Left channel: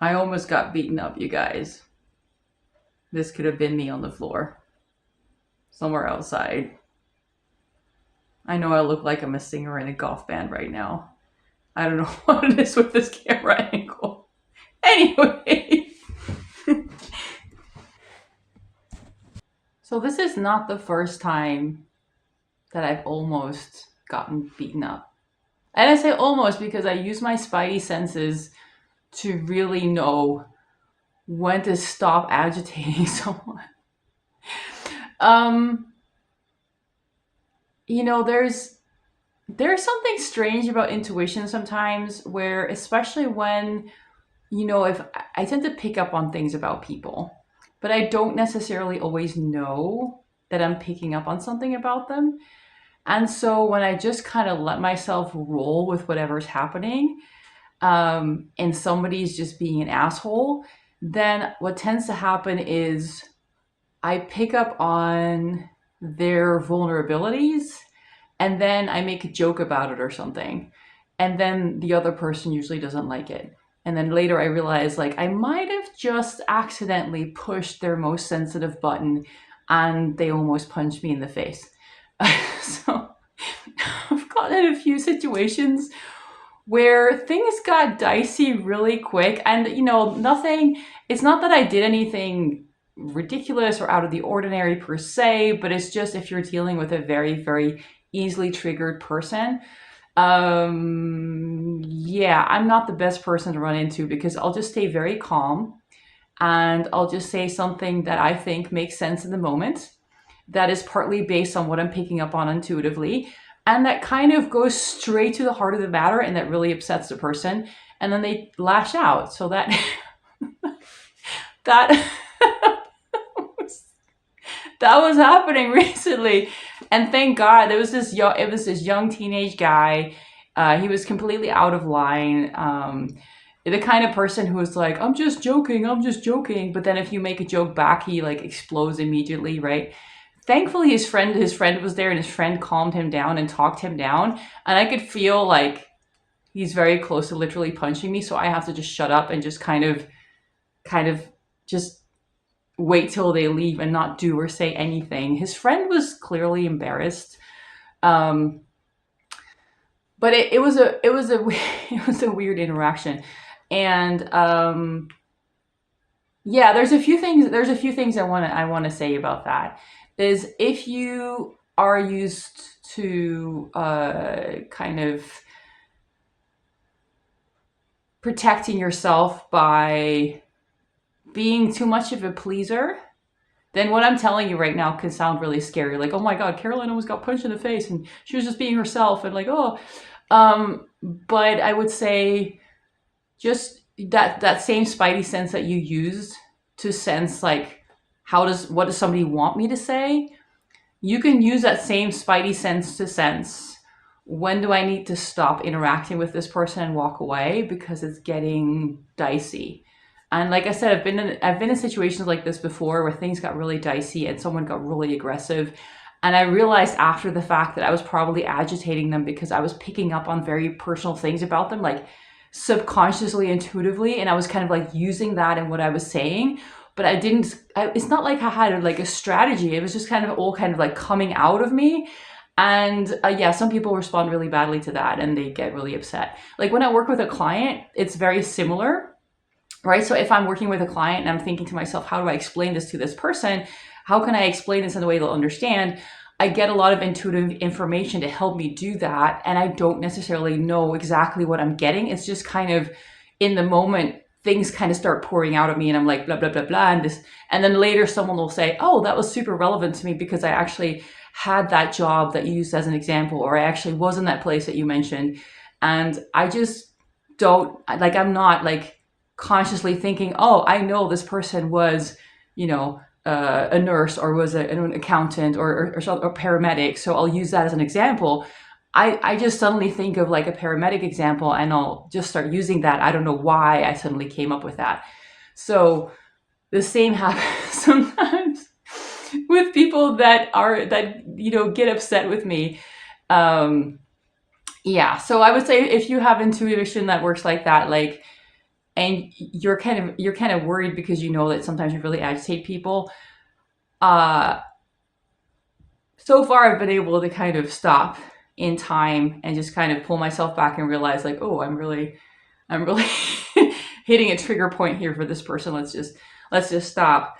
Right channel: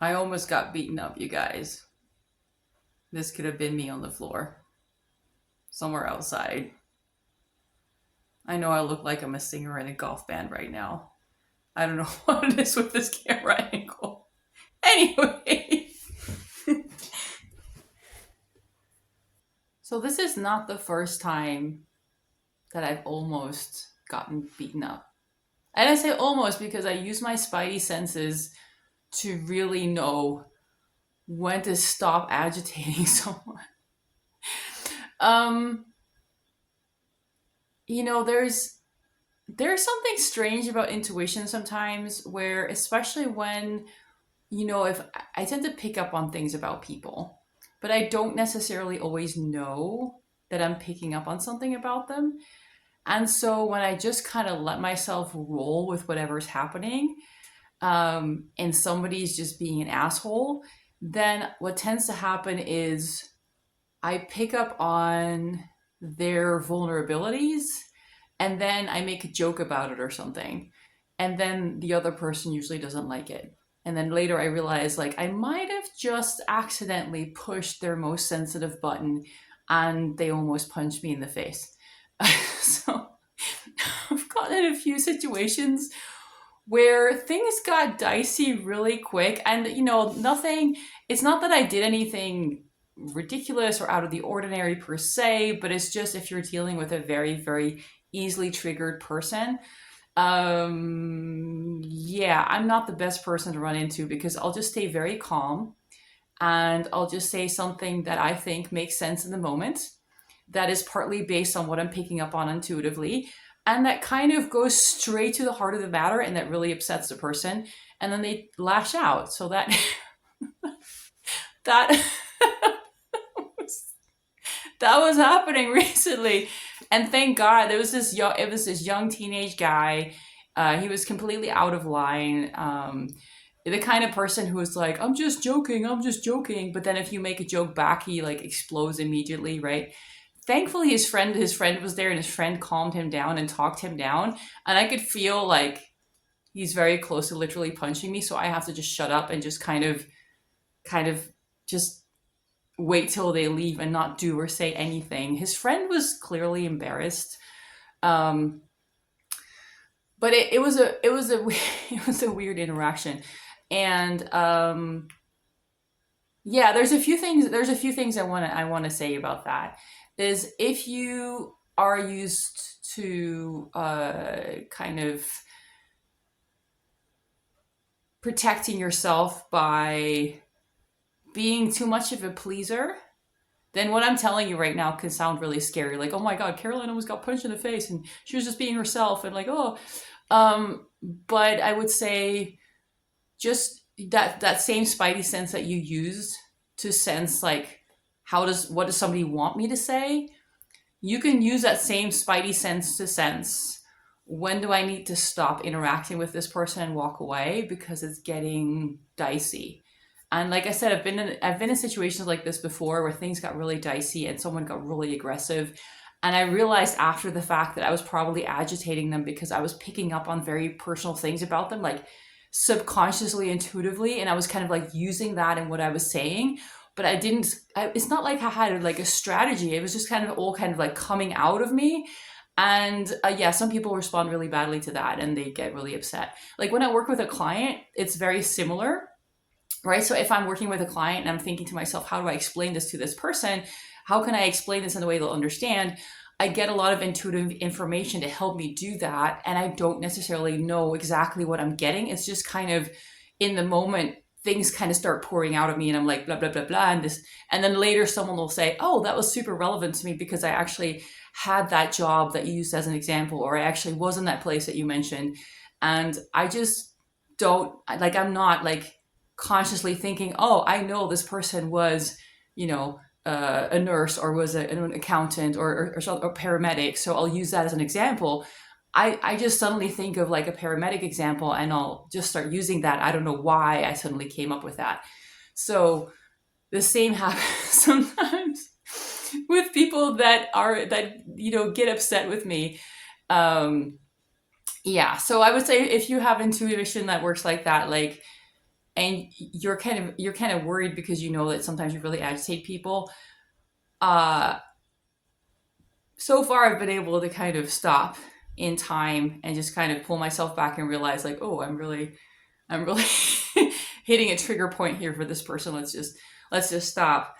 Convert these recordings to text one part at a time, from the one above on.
I almost got beaten up, you guys. This could have been me on the floor, somewhere outside. I know I look like I'm a singer in a golf band right now. I don't know what it is with this camera angle. Anyway, so this is not the first time that I've almost gotten beaten up. And I say almost because I use my spidey senses to really know when to stop agitating someone. Um, there's something strange about intuition sometimes where, especially when, if I tend to pick up on things about people, but I don't necessarily always know that I'm picking up on something about them. And so when I just kind of let myself roll with whatever's happening, and somebody's just being an asshole, then what tends to happen is I pick up on their vulnerabilities and then I make a joke about it or something. And then the other person usually doesn't like it. And then later I realize like I might have just accidentally pushed their most sensitive button and they almost punched me in the face. So I've gotten in a few situations where things got dicey really quick. And, nothing, it's not that I did anything ridiculous or out of the ordinary per se, but it's just if you're dealing with a very, very easily triggered person, yeah, I'm not the best person to run into because I'll just stay very calm and I'll just say something that I think makes sense in the moment that is partly based on what I'm picking up on intuitively. And that kind of goes straight to the heart of the matter and that really upsets the person. And then they lash out. So that that was happening recently. And thank God it was this young teenage guy. He was completely out of line. The kind of person who was like, I'm just joking, I'm just joking. But then if you make a joke back, he like explodes immediately, right? Thankfully his friend was there and his friend calmed him down and talked him down, and I could feel like he's very close to literally punching me, so I have to just shut up and just kind of just wait till they leave and not do or say anything. His friend was clearly embarrassed, um but it was a it was a weird interaction. And yeah, there's a few things I want to say about that. Is if you are used to kind of protecting yourself by being too much of a pleaser, then what I'm telling you right now can sound really scary. Like, oh my God, Caroline almost got punched in the face and she was just being herself, and like, oh, but I would say just that same spidey sense that you used to sense like what does somebody want me to say, you can use that same spidey sense to sense when do I need to stop interacting with this person and walk away because it's getting dicey. And like I said, I've been in situations like this before where things got really dicey and someone got really aggressive. And I realized after the fact that I was probably agitating them because I was picking up on very personal things about them, like subconsciously, intuitively, and I was kind of like using that in what I was saying. But it's not like I had like a strategy. It was just kind of all kind of like coming out of me. And yeah, some people respond really badly to that and they get really upset. Like when I work with a client, it's very similar, right? So if I'm working with a client and I'm thinking to myself, how do I explain this to this person? How can I explain this in a way they'll understand? I get a lot of intuitive information to help me do that. And I don't necessarily know exactly what I'm getting. It's just kind of in the moment, things kind of start pouring out of me and I'm like, blah, blah, blah, blah. And then later someone will say, oh, that was super relevant to me because I actually had that job that you used as an example, or I actually was in that place that you mentioned. And I just don't like, I'm not like consciously thinking, oh, I know this person was, a nurse or was an accountant or paramedic, so I'll use that as an example. I just suddenly think of like a paramedic example and I'll just start using that. I don't know why I suddenly came up with that. So the same happens sometimes with people that get upset with me. Um, yeah, so I would say if you have intuition that works like that, like and you're kind of worried because you know that sometimes you really agitate people. Uh, so far I've been able to kind of stop in time and just kind of pull myself back and realize like, oh, I'm really hitting a trigger point here for this person. Let's just stop.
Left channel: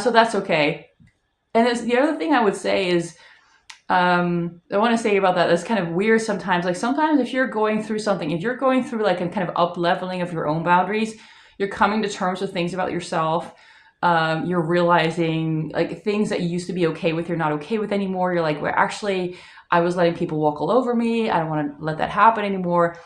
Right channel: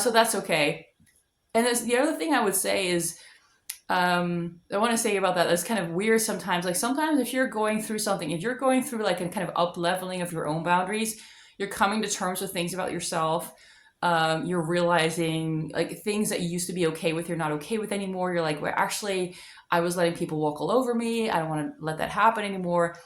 So that's okay. And the other thing I would say is, I want to say about that, that's kind of weird sometimes. Like sometimes if you're going through something, if you're going through like a kind of up leveling of your own boundaries, you're coming to terms with things about yourself. You're realizing like things that you used to be okay with, you're not okay with anymore. You're like, well, actually, I was letting people walk all over me. I don't want to let that happen anymore.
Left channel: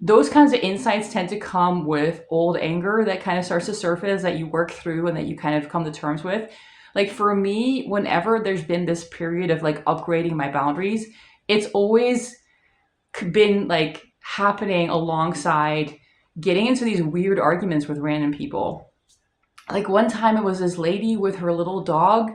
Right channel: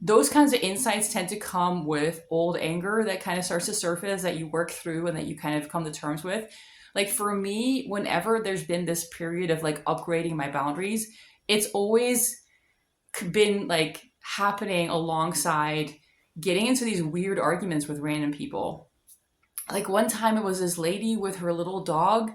Those kinds of insights tend to come with old anger that kind of starts to surface that you work through and that you kind of come to terms with. Like for me, whenever there's been this period of like upgrading my boundaries, it's always been like happening alongside getting into these weird arguments with random people. Like one time it was this lady with her little dog,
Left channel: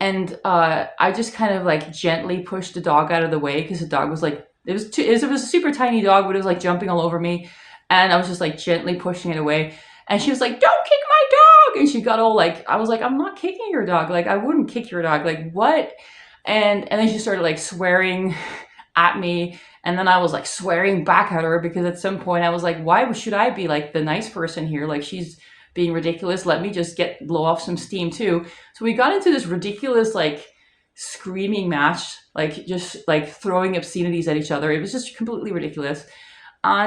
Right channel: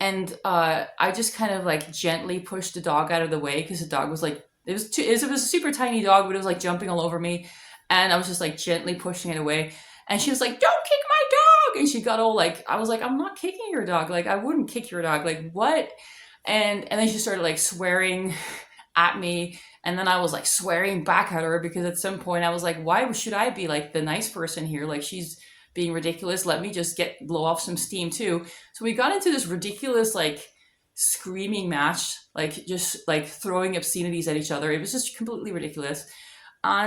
and I just kind of like gently pushed the dog out of the way because the dog was like, it was a super tiny dog, but it was like jumping all over me, and I was just like gently pushing it away. And she was like, "Don't kick my dog!" And she got all like, I was like, "I'm not kicking your dog. Like I wouldn't kick your dog. Like what?" And then she started like swearing at me, and then I was like swearing back at her because at some point I was like, "Why should I be like the nice person here? Like she's being ridiculous. Let me just blow off some steam too." So we got into this ridiculous like screaming match, like just like throwing obscenities at each other. It was just completely ridiculous.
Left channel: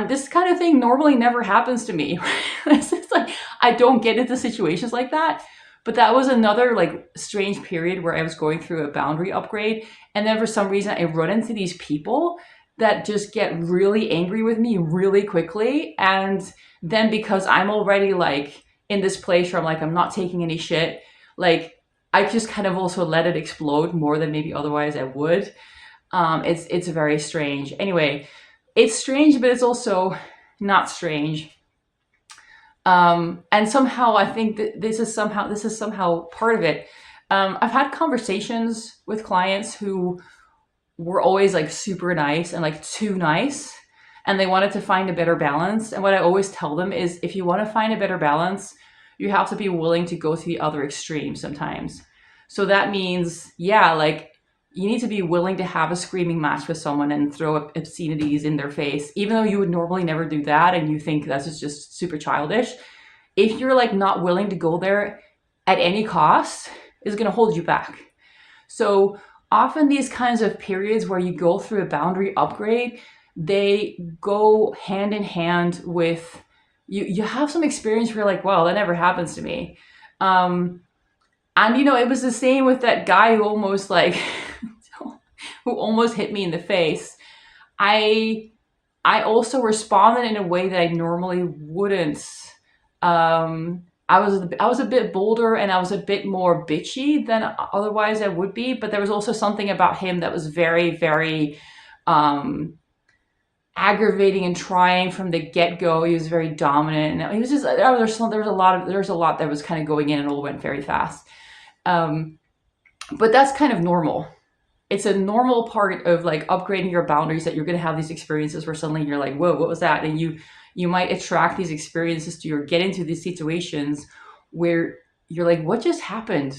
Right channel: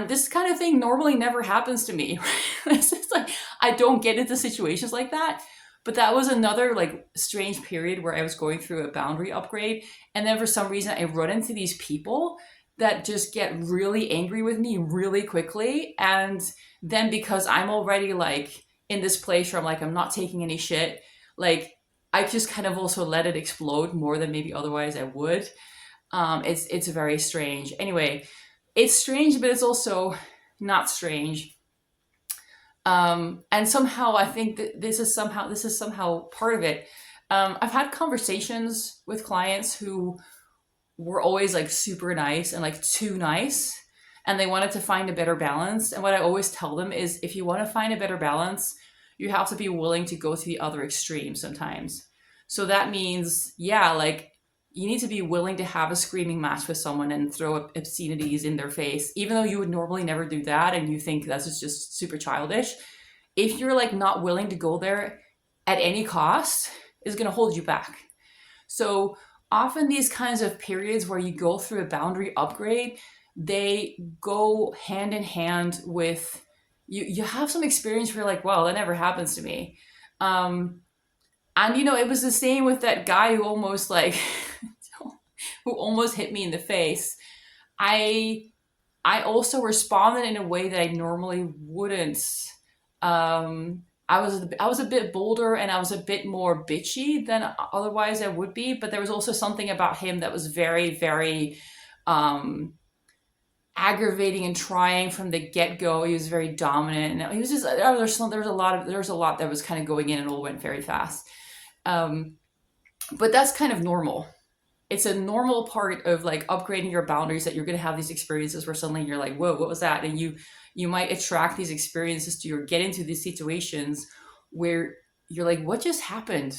This kind of thing normally never happens to me. It's just like I don't get into situations like that. But that was another like strange period where I was going through a boundary upgrade, and then for some reason I run into these people that just get really angry with me really quickly, and then because I'm already like in this place where I'm like I'm not taking any shit, like I just kind of also let it explode more than maybe otherwise I would. It's very strange. Anyway, it's strange, but it's also not strange. And somehow I think that this is somehow part of it. I've had conversations with clients who were always like super nice and like too nice, and they wanted to find a better balance. And what I always tell them is, if you want to find a better balance, you have to be willing to go to the other extreme sometimes. So that means, yeah, like you need to be willing to have a screaming match with someone and throw up obscenities in their face, even though you would normally never do that and you think that's just super childish. If you're like not willing to go there at any cost, is going to hold you back. So often these kinds of periods where you go through a boundary upgrade, they go hand in hand with you have some experience where you're like, wow, that never happens to me. And it was the same with that guy who almost like who almost hit me in the face. I also responded in a way that I normally wouldn't. I was a bit bolder and I was a bit more bitchy than otherwise I would be, but there was also something about him that was very, very aggravating and trying from the get go. He was very dominant, and he was just there's a lot that was kind of going in, and all went very fast. But that's kind of normal. It's a normal part of like upgrading your boundaries that you're going to have these experiences where suddenly you're like, whoa, what was that? And you might attract these experiences to you, or get into these situations where you're like, what just happened?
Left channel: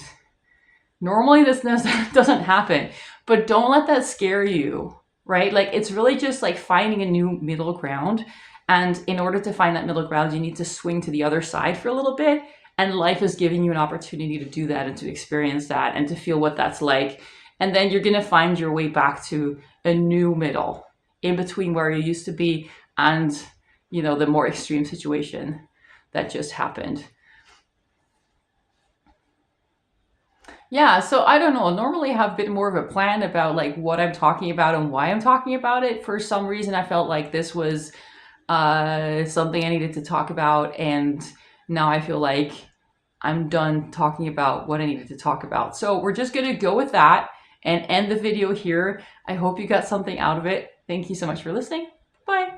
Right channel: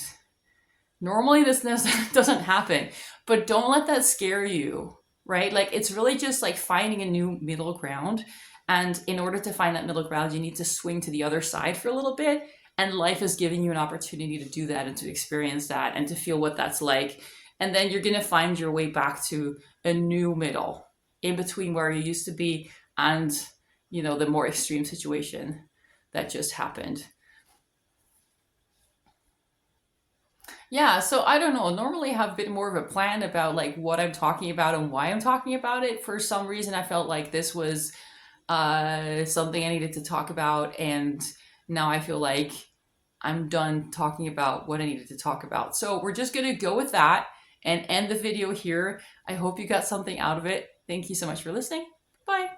Normally this doesn't happen, but don't let that scare you, right? Like it's really just like finding a new middle ground. And in order to find that middle ground, you need to swing to the other side for a little bit. And life is giving you an opportunity to do that and to experience that and to feel what that's like. And then you're going to find your way back to a new middle in between where you used to be and, the more extreme situation that just happened. Yeah, so I don't know. Normally I have a bit more of a plan about like what I'm talking about and why I'm talking about it. For some reason, I felt like this was something I needed to talk about, and now I feel like I'm done talking about what I needed to talk about. So we're just going to go with that and end the video here. I hope you got something out of it. Thank you so much for listening. Bye.